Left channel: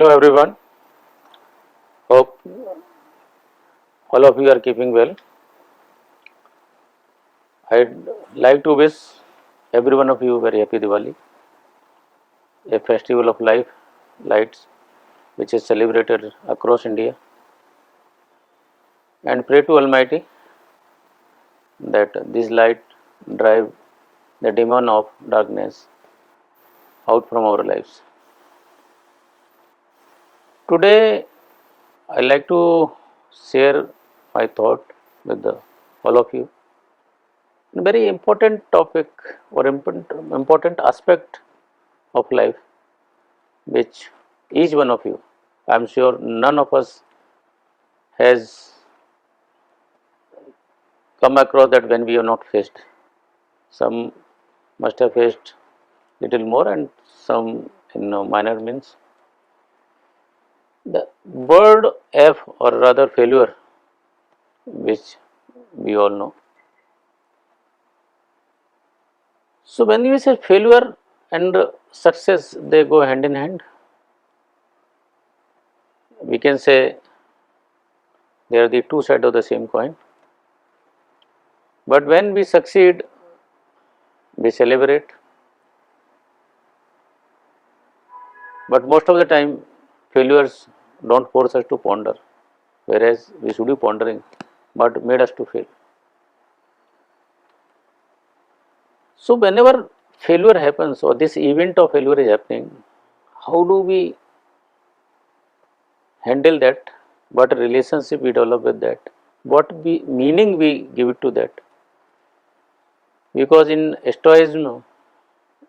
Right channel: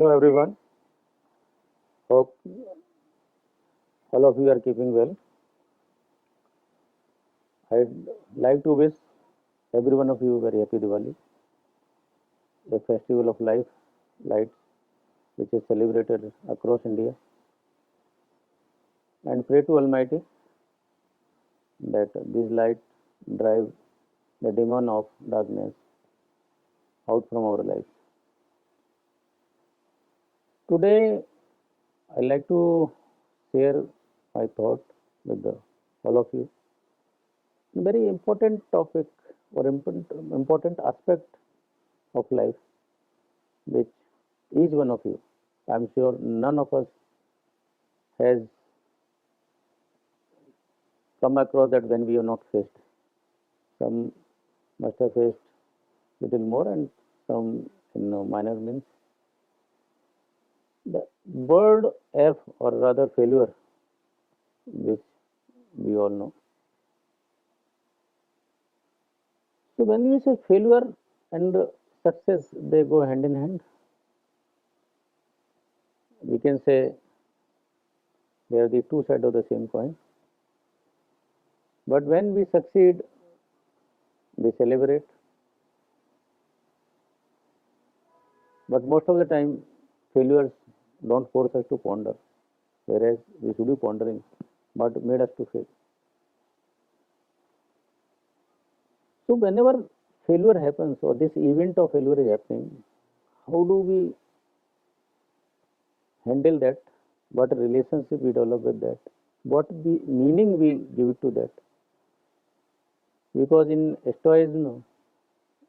Hello everyone. Hope all of you are keeping well. I'd like to wish every one of you very happy Diwali, a festival of life, lights, which is celebrated across India, and pray to Almighty that this light drive the demon of darkness out from our lives. Today, I like to share my thought with all of you. A very important topic or important aspect of life, which each one of you, I'm sure none of us has come across that when we have not faced. Some must have faced little more and some in minor means. The word F or rather failure, which we all know. So when we say failure and success, they go hand in hand. We can say they are the two sides of the same coin. But when we succeed, we celebrate. But most of the time, failures don't force us to ponder, whereas we should be pondering, but made us to fail. So whenever failure happens or this event of failure is happening, how do we handle that? What relationship we develop with that? What meaning we give it to that? Because in Stoicism,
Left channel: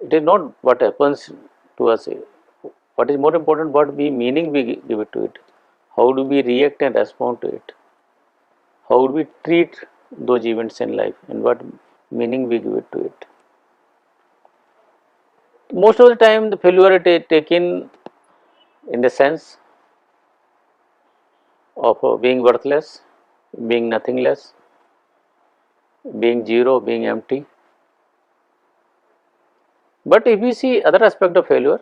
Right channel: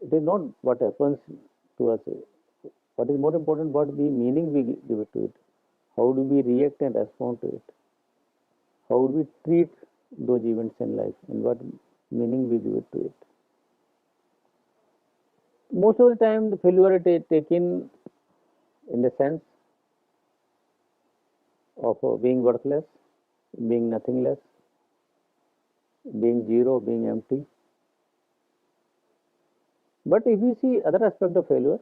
it is not what happens to us. What is more important, what meaning we give it to it? How do we react and respond to it? How do we treat those events in life and what meaning we give it to it? Most of the time, the failure is taken in the sense of being worthless, being nothingless, being zero, being empty. But if we see other aspect of failure,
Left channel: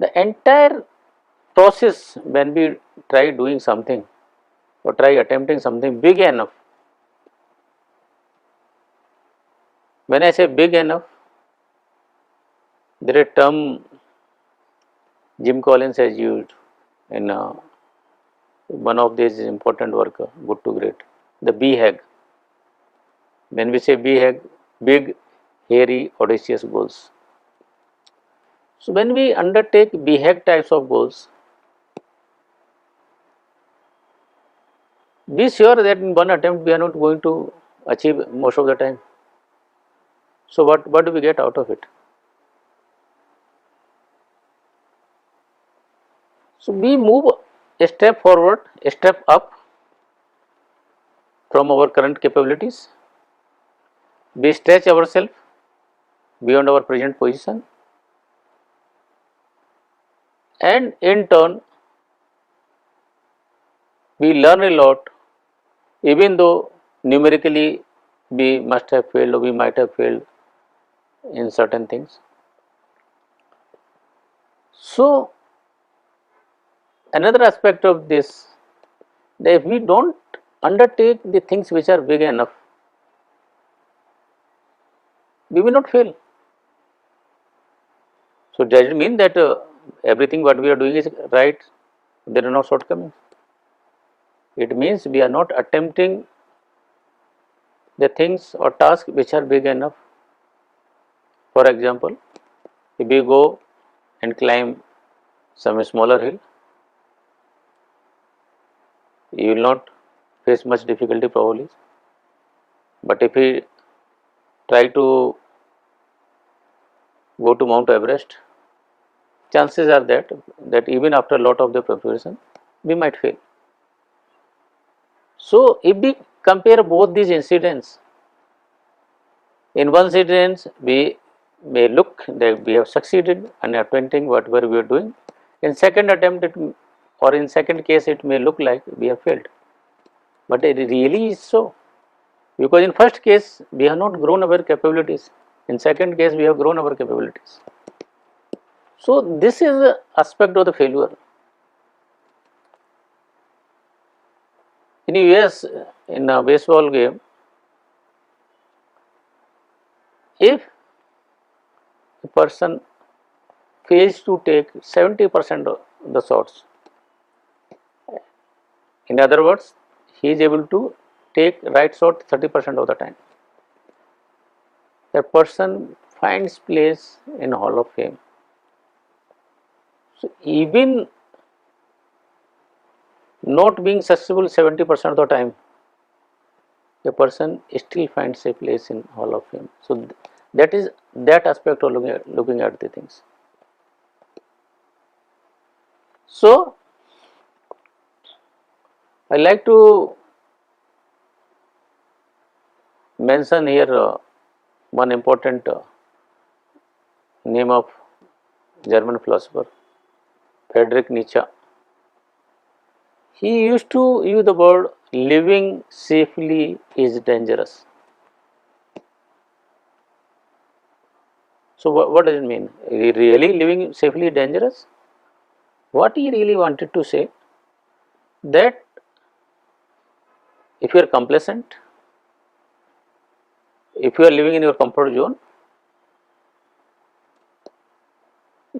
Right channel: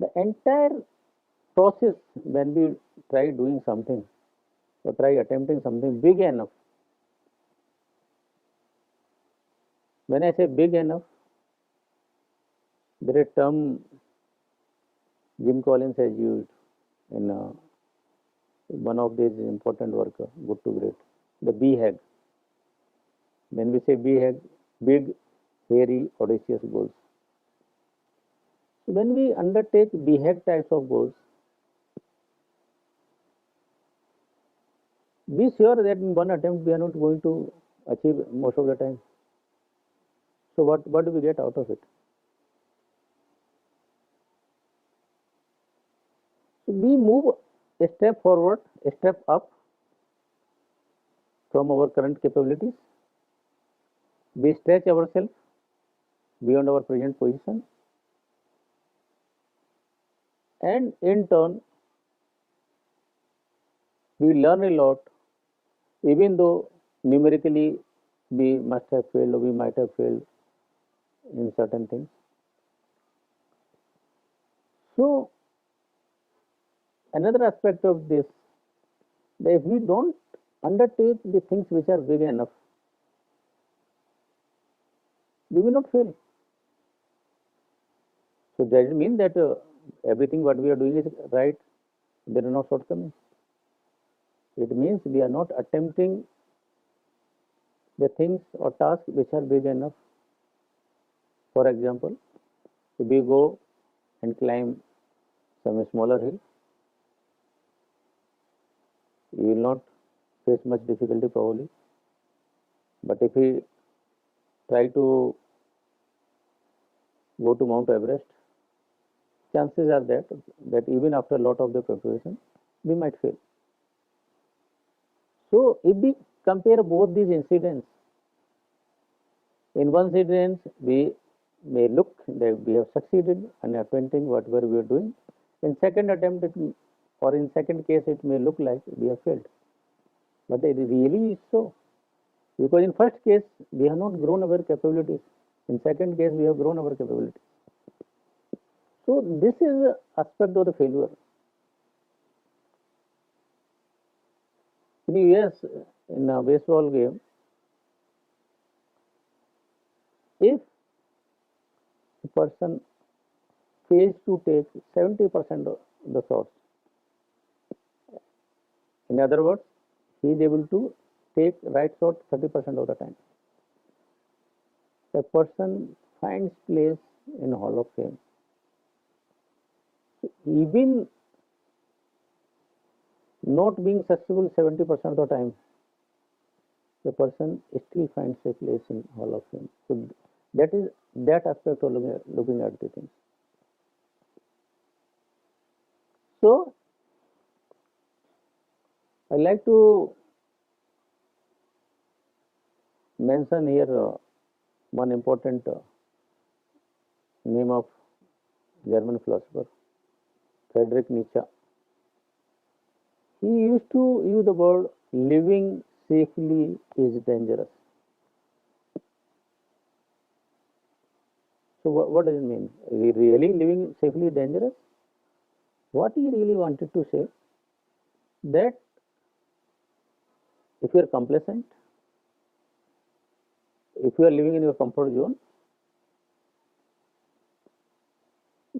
the entire process when we try doing something or try attempting something big enough. When I say big enough, there is a term Jim Collins has used in one of these important work, Good to Great, the BHAG. When we say BHAG, big, hairy, audacious goals. So when we undertake BHAG types of goals, be sure that in one attempt we are not going to achieve most of the time. So what do we get out of it? So we move a step forward, a step up from our current capabilities. We stretch ourselves beyond our present position, and in turn we learn a lot, even though numerically we must have failed or we might have failed in certain things. So another aspect of this, that if we don't undertake the things which are big enough, we will not fail. So does it mean that everything what we are doing is right? There are no shortcomings. It means we are not attempting the things or tasks which are big enough. For example, if we go and climb some smaller hill, you will not face much difficulty probably. But if we try to go to Mount Everest, chances are that even after a lot of the preparation, we might fail. So if we compare both these incidents, in one incident we may look that we have succeeded in attempting whatever we are doing. In second attempt or in second case it may look like we have failed. But it really is so. Because in first case we have not grown our capabilities. In second case we have grown our capabilities. So this is the aspect of the failure. In US, in a baseball game, if a person fails to take 70% of the shots, in other words, he is able to take right shot 30% of the time, that person finds place in Hall of Fame. So even not being successful 70% of the time, a person still finds a place in Hall of Fame. So that is that aspect of looking at the things. So I like to mention here one important name of German philosopher, Friedrich Nietzsche. He used to use the word living safely is dangerous. So what does it mean? Really living safely dangerous? What he really wanted to say, that if you are complacent, if you are living in your comfort zone,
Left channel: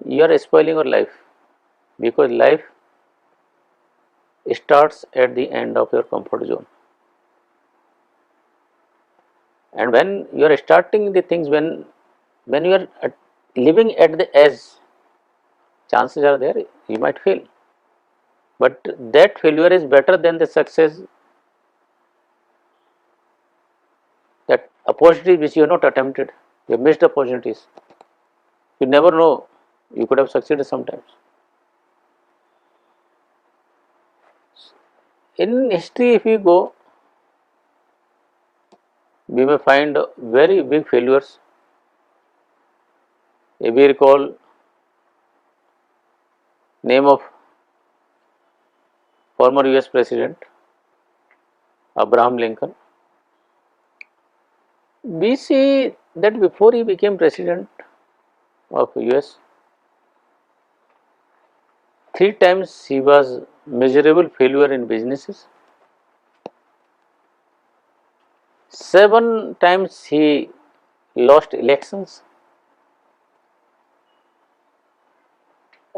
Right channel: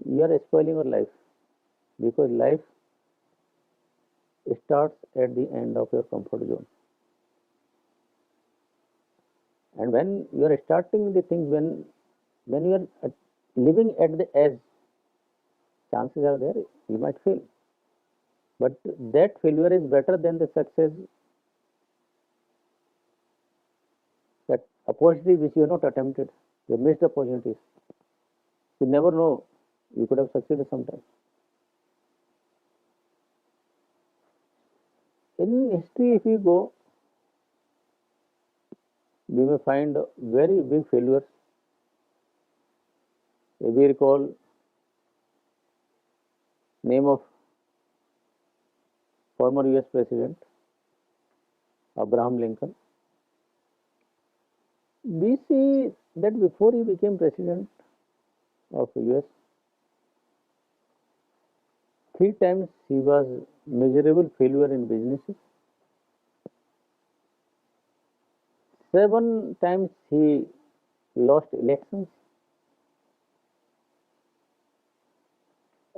you are spoiling your life, because life starts at the end of your comfort zone. And when you are starting the things, when you are living at the edge, chances are there you might fail, but that failure is better than the success, that opportunity which you have not attempted, you have missed opportunities. You never know, you could have succeeded sometimes. In history, if we go, we may find very big failures. If we recall name of former US President Abraham Lincoln, we see that before he became President of US, three times he was miserable failure in businesses, 7 times he lost elections,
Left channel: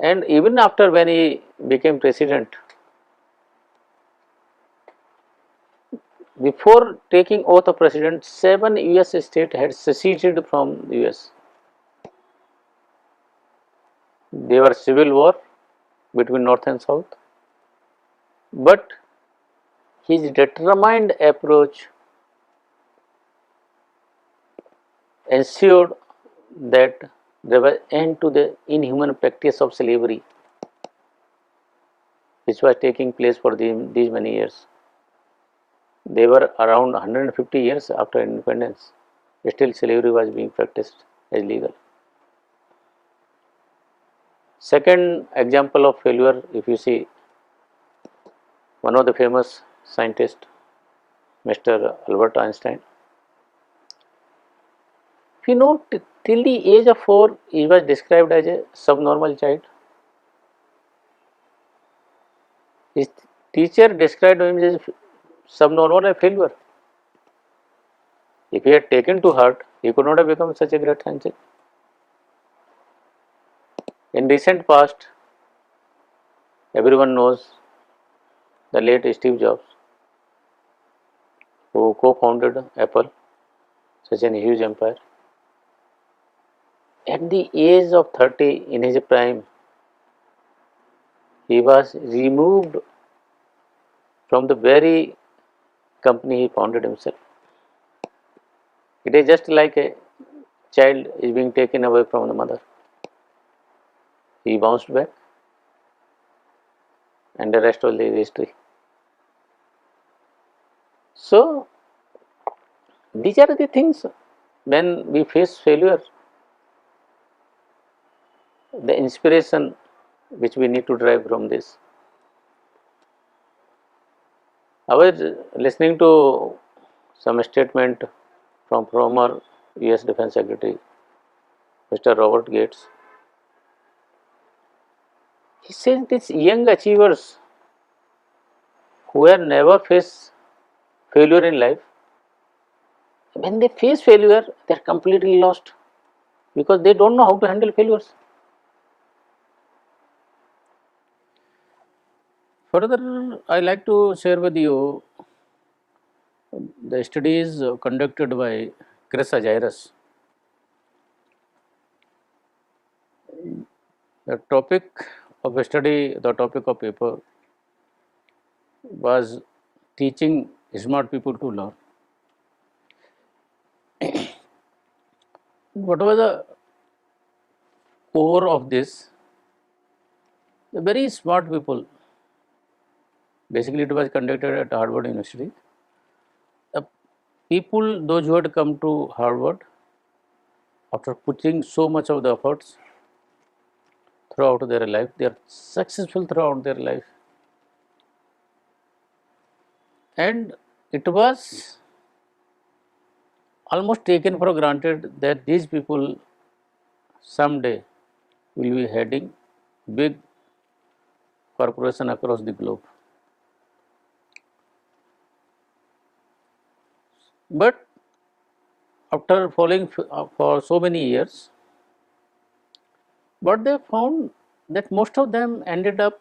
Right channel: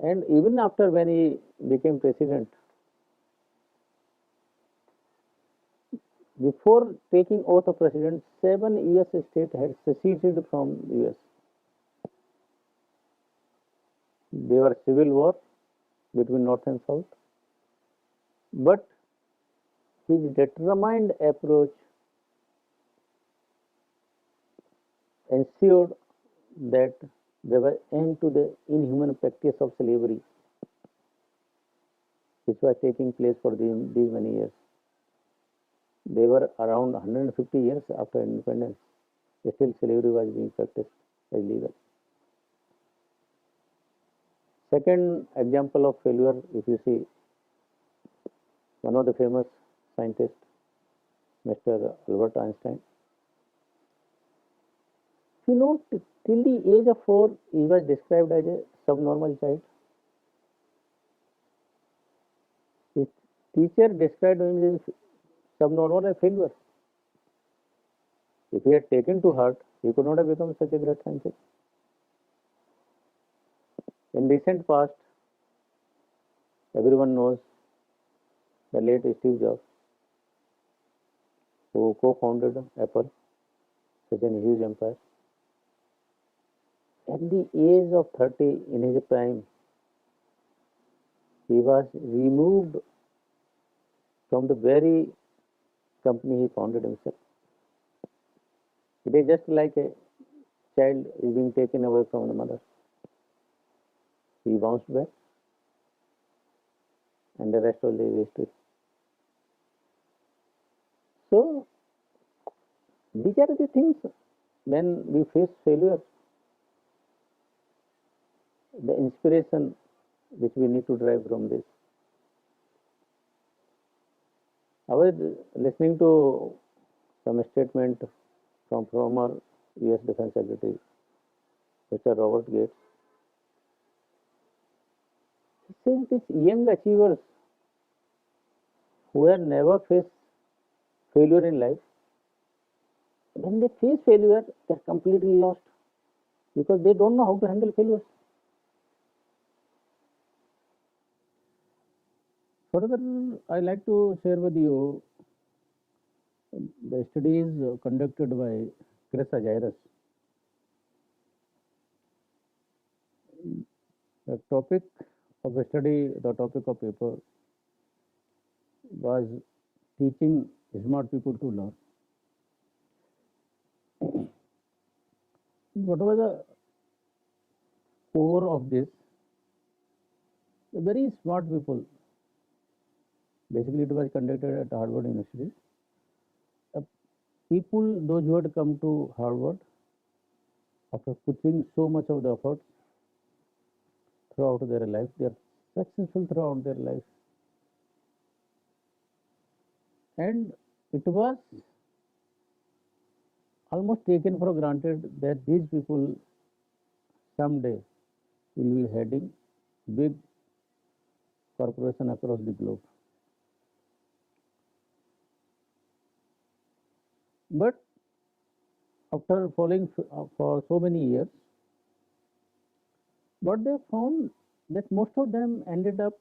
and even after when he became president, before taking oath of president, 7 US states had seceded from the US. There were civil war between north and south, but his determined approach ensured that there was end to the inhuman practice of slavery which was taking place for these many years. They were around 150 years after independence, still slavery was being practiced as legal. Second example of failure, if you see, one of the famous scientists, Mr. Albert Einstein, if you know, till the age of 4, he was described as a subnormal child. His teacher described him as subnormal and failure. If he had taken to heart, he could not have become such a great scientist. In recent past, everyone knows the late Steve Jobs, who co-founded Apple, such a huge empire. At the age of 30, in his prime, he was removed from the very company he founded himself. It is just like a child is being taken away from the mother. He bounced back, and the rest was the history. So, these are the things when we face failure, the inspiration which we need to derive from this. I was listening to some statement from former US Defense Secretary Mr. Robert Gates. he says these young achievers who have never faced failure in life, when they face failure, they are completely lost because they don't know how to handle failures. Further, I like to share with you the studies conducted by Chris Agiris. The topic of study, the topic of paper was teaching smart people to learn. What was the core of this? The very smart people. Basically, it was conducted at Harvard University. The people, those who had come to Harvard after putting so much of the efforts throughout their life, they are successful throughout their life. And it was almost taken for granted that these people someday will be heading big corporation across the globe. But after following for so many years, what they found that most of them ended up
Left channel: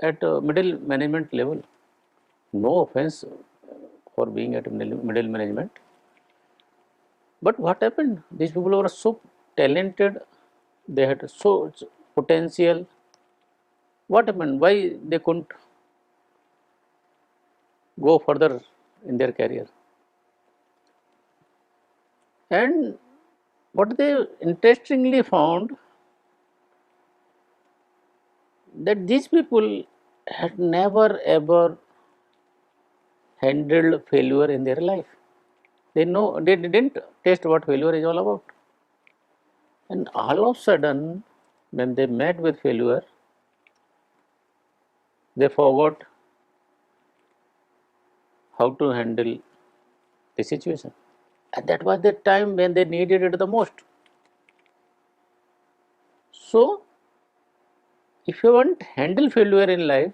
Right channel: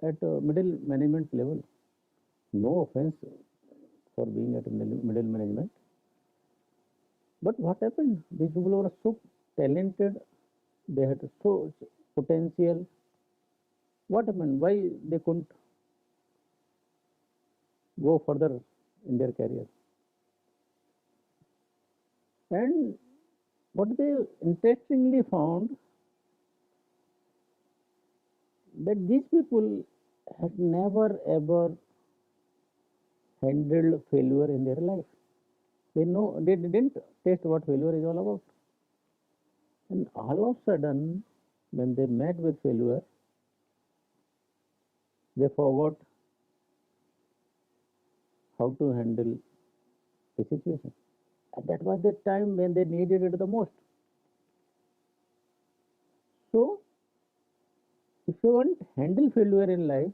at middle management level. No offense for being at middle management, but what happened? These people were so talented, they had so much potential. What happened? Why they couldn't go further in their career? And what they interestingly found that these people had never ever handled failure in their life. They didn't taste what failure is all about. And all of a sudden, when they met with failure, they forgot how to handle the situation. And that was the time when they needed it the most. So, if you want to handle failure in life,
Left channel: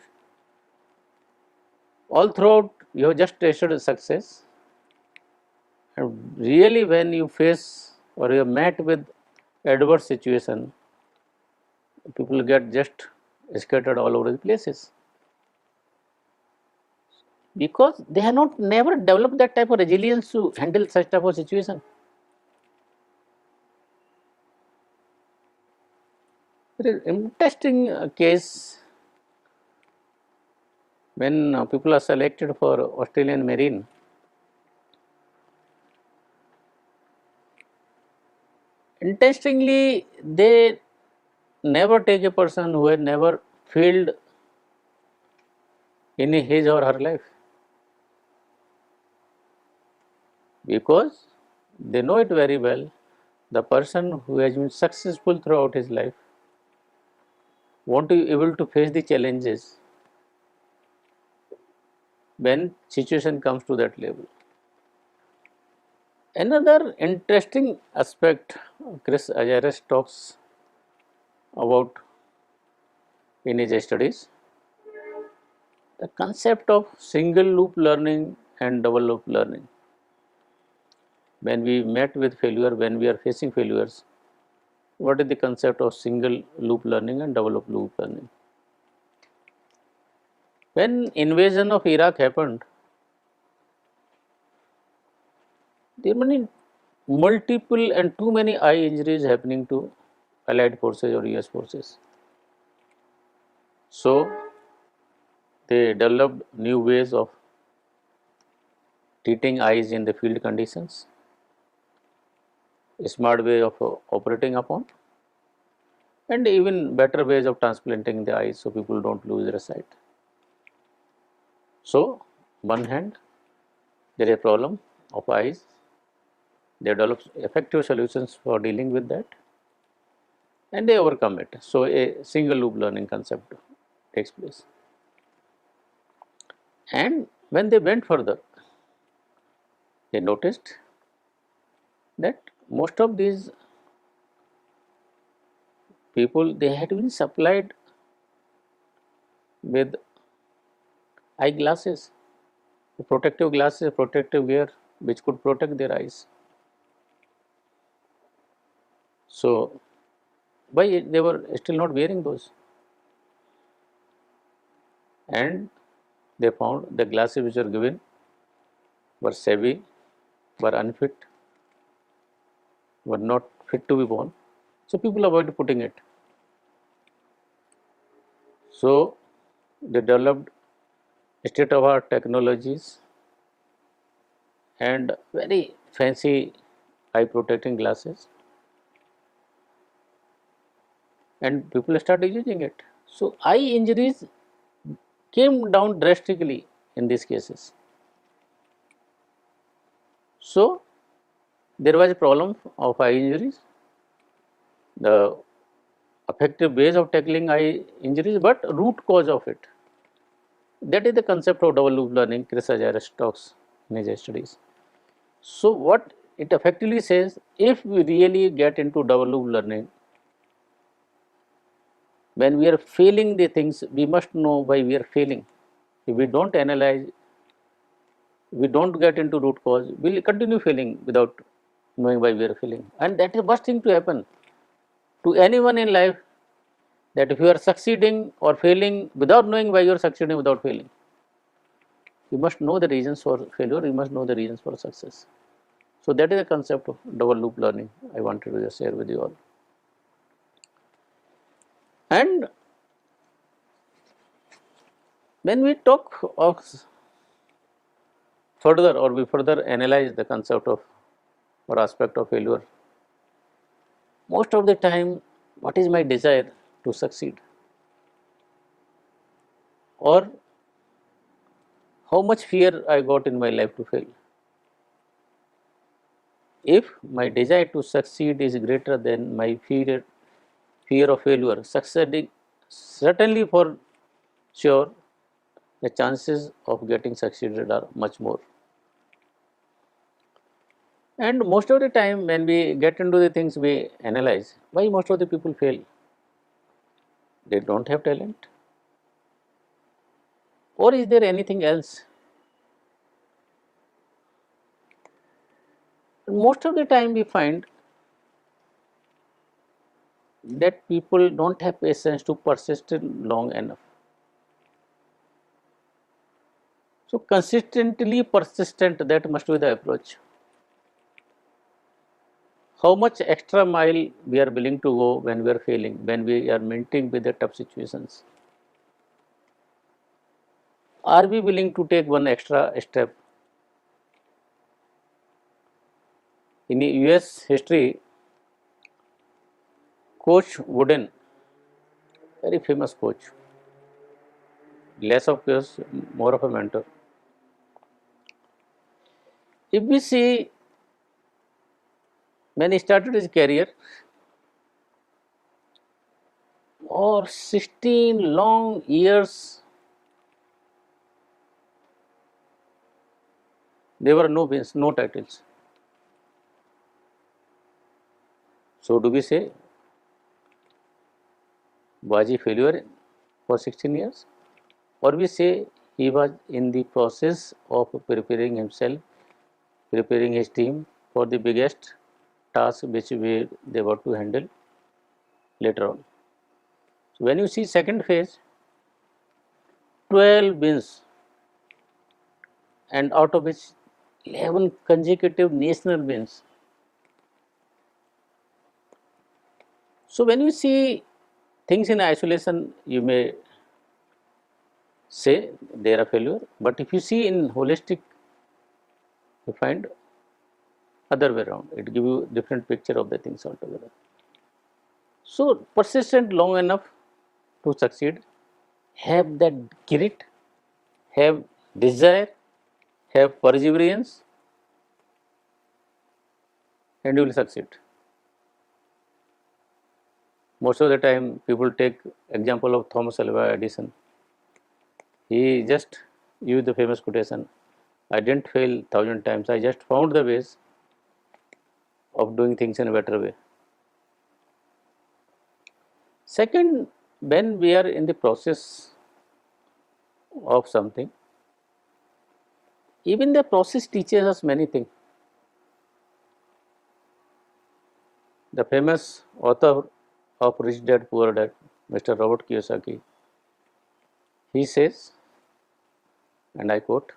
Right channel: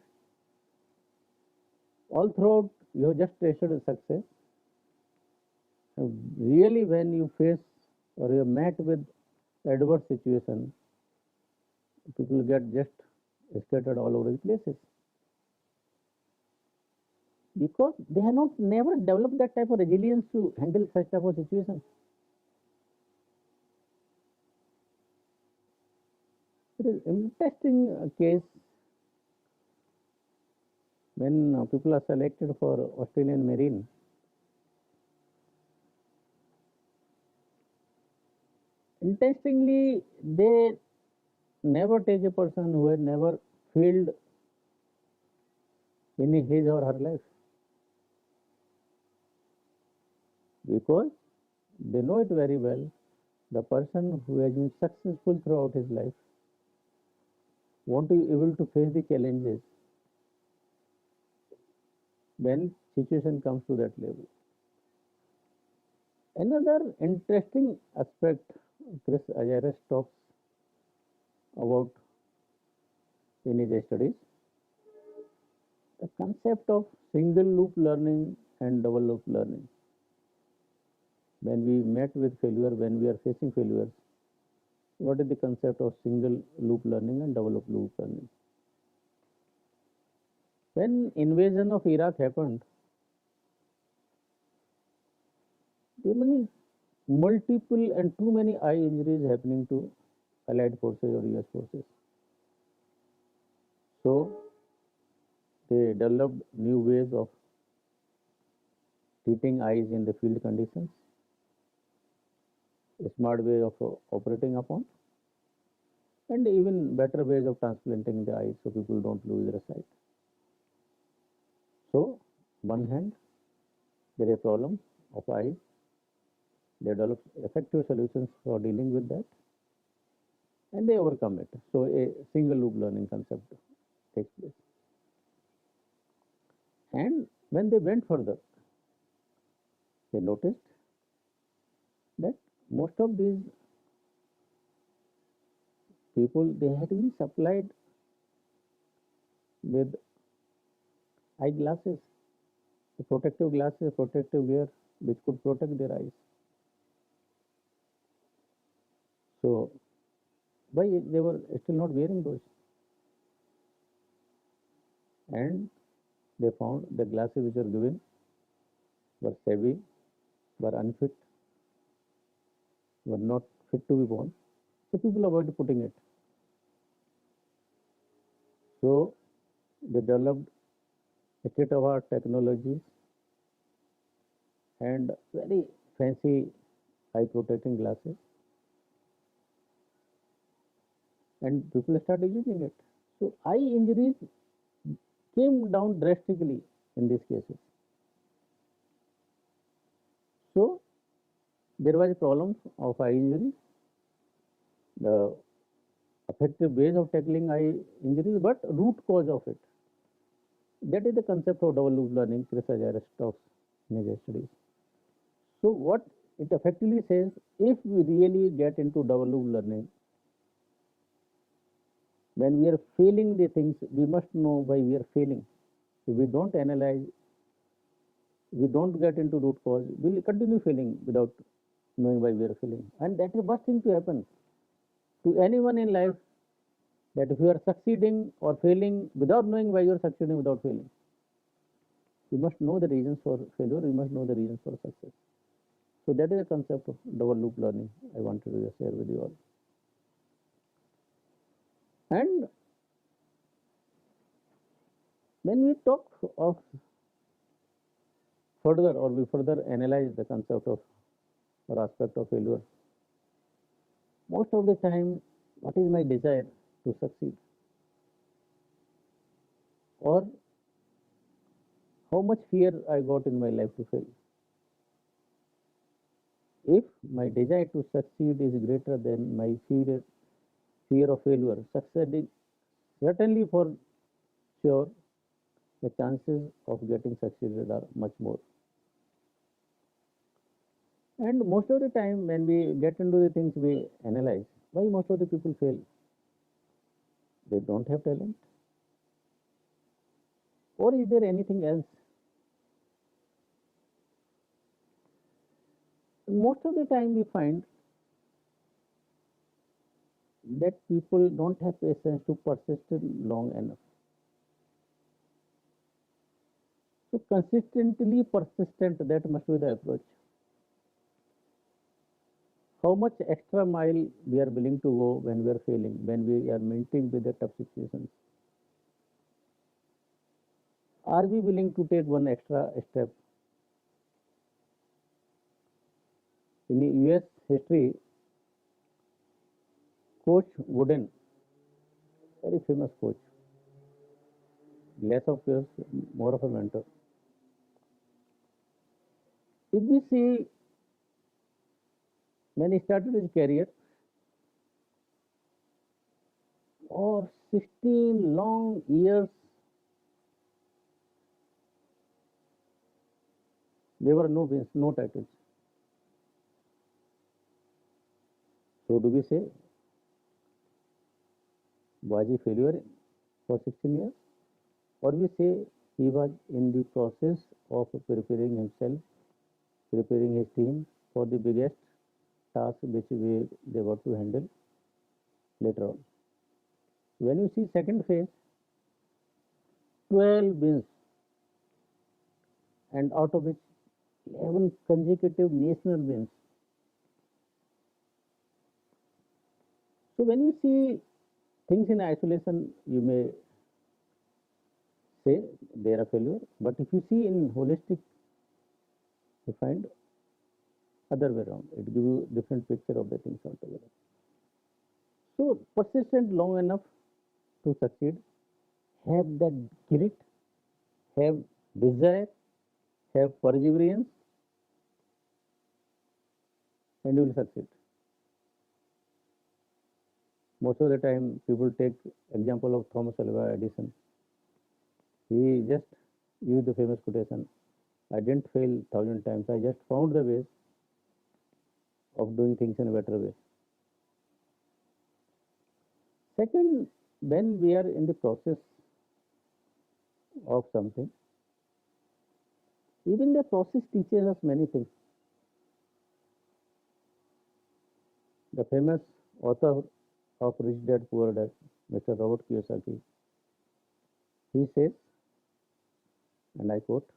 all throughout you have just tasted success. And really, when you face or you are met with adverse situation, people get just scattered all over the places because they have not never developed that type of resilience to handle such type of situation. There is interesting case when people are selected for Australian Marine. Interestingly, they never take a person who had never failed in his or her life because they know it very well. The person who has been successful throughout his life won't be able to face the challenges when situation comes to that level. Another interesting aspect Chris Agiris talks about in his studies, the concept of single loop learning and double loop learning. When we met with failure, when we are facing failures, what is the concept of single loop learning and double loop learning? When invasion of Iraq happened, there were many multiple and too many eye injuries happening to allied forces or US forces. So they developed new ways of treating eyes in the field conditions, a smart way of operating upon, and even better ways of transplanting the eyes so people don't lose their sight. So, one hand, there is a problem of eyes, they develop effective solutions for dealing with that, and they overcome it. So, a single loop learning concept takes place. And when they went further, they noticed that most of these people, they had been supplied with eyeglasses, protective glasses, protective wear which could protect their eyes. So why they were still not wearing those? And they found the glasses which were given were shabby, were unfit, were not fit to be worn. So people avoided putting it. So they developed state of art technologies and very fancy eye protecting glasses, and people started using it. So eye injuries came down drastically in these cases. So there was a problem of eye injuries, the effective ways of tackling eye injuries, but root cause of it. That is the concept of double loop learning, Chris Ajaris talks in his studies. So what it effectively says, if we really get into double loop learning, when we are failing the things, we must know why we are failing. If we don't analyze, we don't get into root cause, we'll continue failing without knowing why we are failing. And that is the worst thing to happen to anyone in life, that if you are succeeding or failing without knowing why you are succeeding without failing. You must know the reasons for failure, you must know the reasons for success. So that is the concept of double loop learning I wanted to just share with you all. And when we talk of further, or we further analyze the concept of or aspect of failure, most of the time, what is my desire to succeed, or how much fear I got in my life to fail. If my desire to succeed is greater than my fear of failure, succeeding, certainly for sure, the chances of getting succeeded are much more. And most of the time, when we get into the things, we analyze why most of the people fail. They don't have talent, or is there anything else? Most of the time, we find that people don't have patience to persist long enough. So consistently persistent, that must be the approach. How much extra mile we are willing to go when we are failing, when we are meeting with the tough situations. Are we willing to take one extra step? In US history, Coach Wooden, very famous coach, less of course, more of a mentor. If we see, when he started his career, or 16 long years, there were no wins, no titles. So do we say, was he failure for 16 years? Or we say he was in the process of preparing himself, preparing his team for the biggest task which they were to handle later on. So when you see second phase, 12 wins, and out of which 11 consecutive national wins. So when you see things in isolation, you may say they are a failure, but if you see in holistic, you find other way around. It gives you different picture of the things altogether. So persistent long enough to succeed, have that grit, have desire, have perseverance, and you will succeed. Most of the time, people take example of Thomas Alva Edison. He just used the famous quotation, I didn't fail 1,000 times, I just found the ways of doing things in a better way. Second, when we are in the process of something. Even the process teaches us many things. The famous author of Rich Dad Poor Dad, Mr. Robert Kiyosaki, he says, and I quote,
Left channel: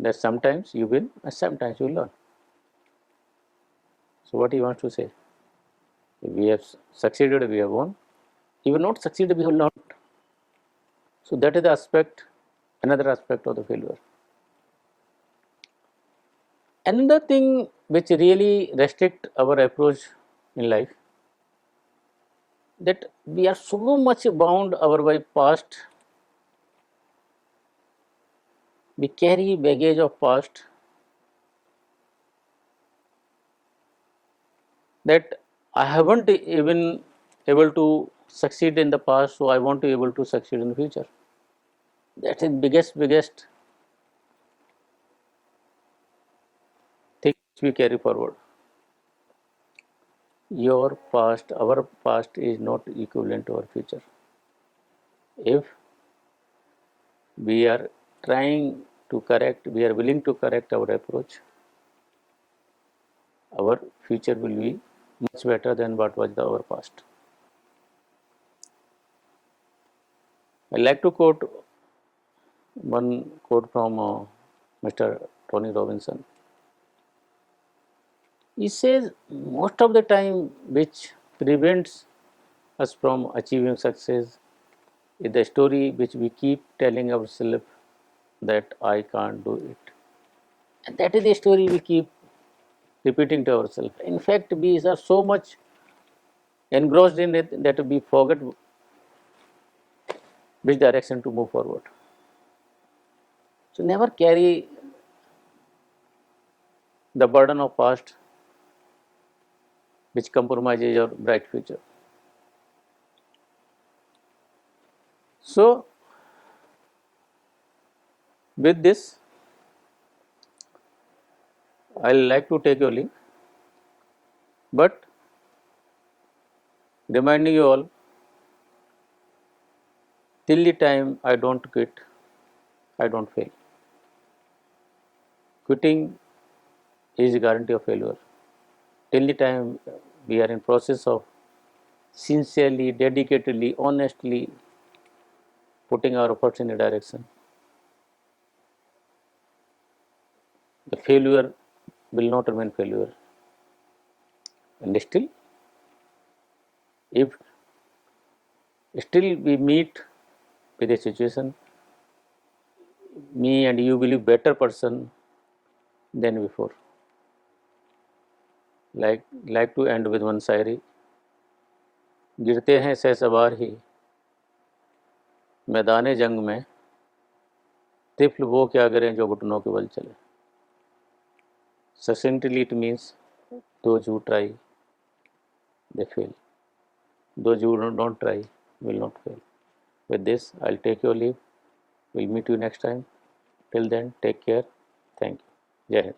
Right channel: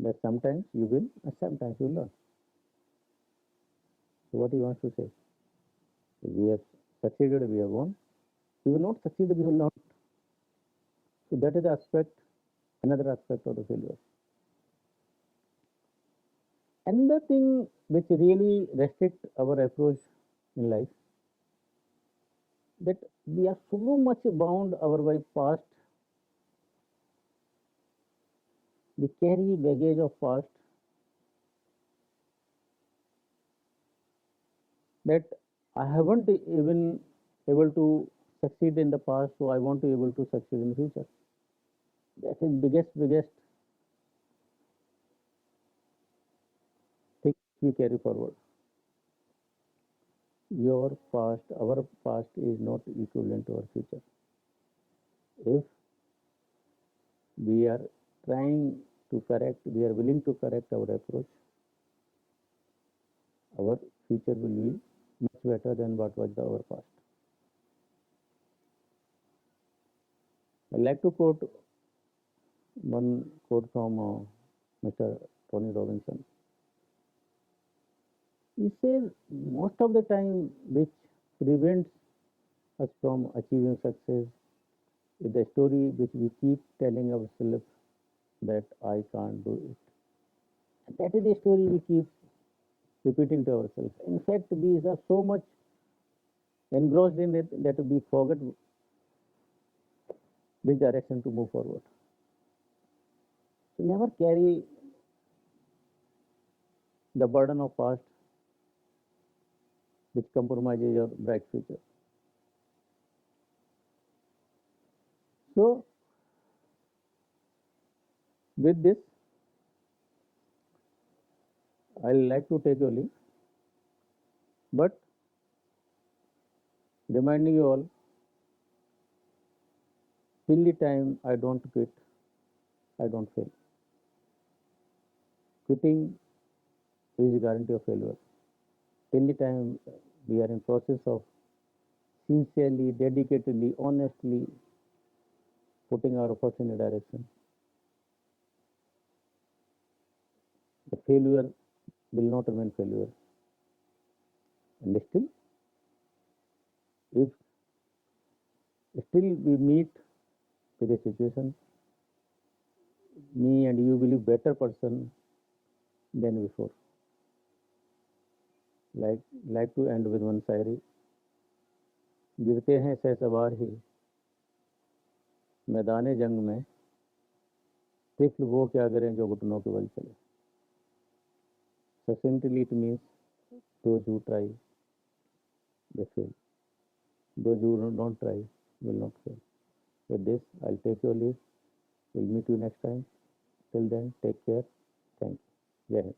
that sometimes you win and sometimes you learn. So what he wants to say? If we have succeeded, we have won. If we have not succeeded, we have learned. So that is the aspect, another aspect of the failure. Another thing which really restrict our approach in life, that we are so much bound our by past, we carry baggage of past, that I haven't even able to succeed in the past, so I want to able to succeed in the future. That is biggest thing we carry forward. Your past, our past is not equivalent to our future. If we are trying to correct, we are willing to correct our approach, our future will be much better than what was our past. I like to quote one quote from Mr. Tony Robinson. He says, most of the time which prevents us from achieving success is the story which we keep telling ourselves that I can't do it. And that is the story we keep repeating to ourselves. In fact, we are so much engrossed in it that we forget which direction to move forward. So never carry the burden of past which compromises your bright future. So with this, I like to take your leave, but reminding you all, till the time I don't quit, I don't fail. Quitting is a guarantee of failure. Till the time we are in process of sincerely, dedicatedly, honestly putting our efforts in a direction, the failure will not remain failure. And still, if still we meet with a situation, me and you will be better person than before. Like to end with one शायरी, गिरते हैं सहसवार ही मैदान जंग में, तिफल वो क्या करें जो घुटनों के बल चले. Succinctly it means those who try, they fail. Those who don't try will not fail. With this, I'll take your leave. We'll meet you next time. Till then, take care. Thank you. Jai Hind.